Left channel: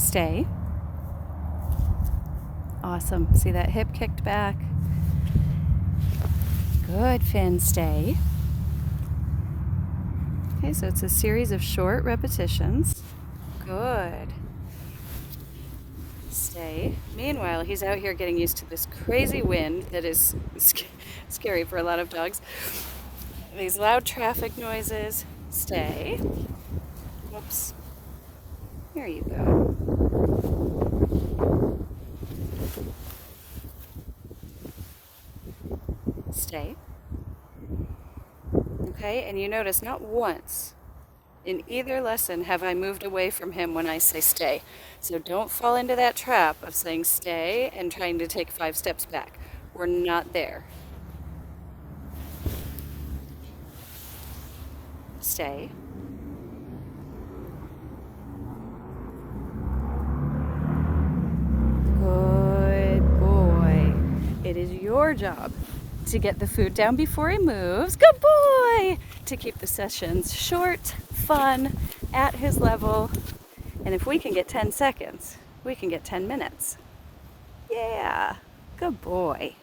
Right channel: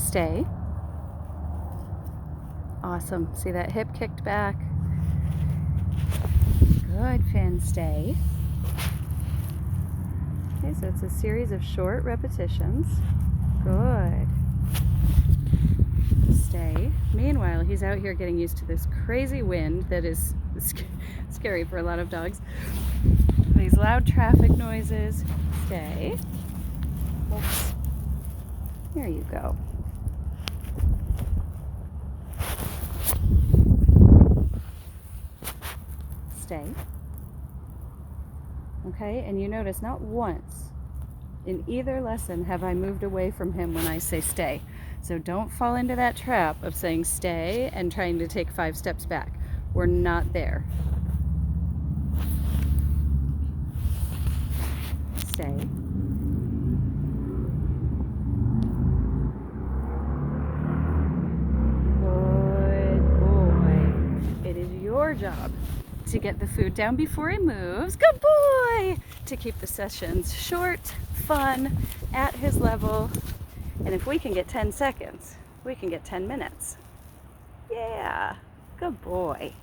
Stay. Awesome. See that hip kicked back? Good, Finn. Stay. Okay, so it's a series of short repetitions. Good. Stay. Meanwhile, he's out here getting used to this crazy wind that is scary for a lot of dogs. These loud traffic noises. Stay. Whoops. There you go. Stay. Okay, and you notice not once in either lesson have I moved away from him when I say stay. So don't fall into that trap of saying stay and trying to take 5 steps back. We're not there. Stay. Good boy. It is your job to get the food down before he moves. Good boy! To keep the sessions short, fun, at his level. And if we can get 10 seconds, we can get 10 minutes. Yeah, good boy.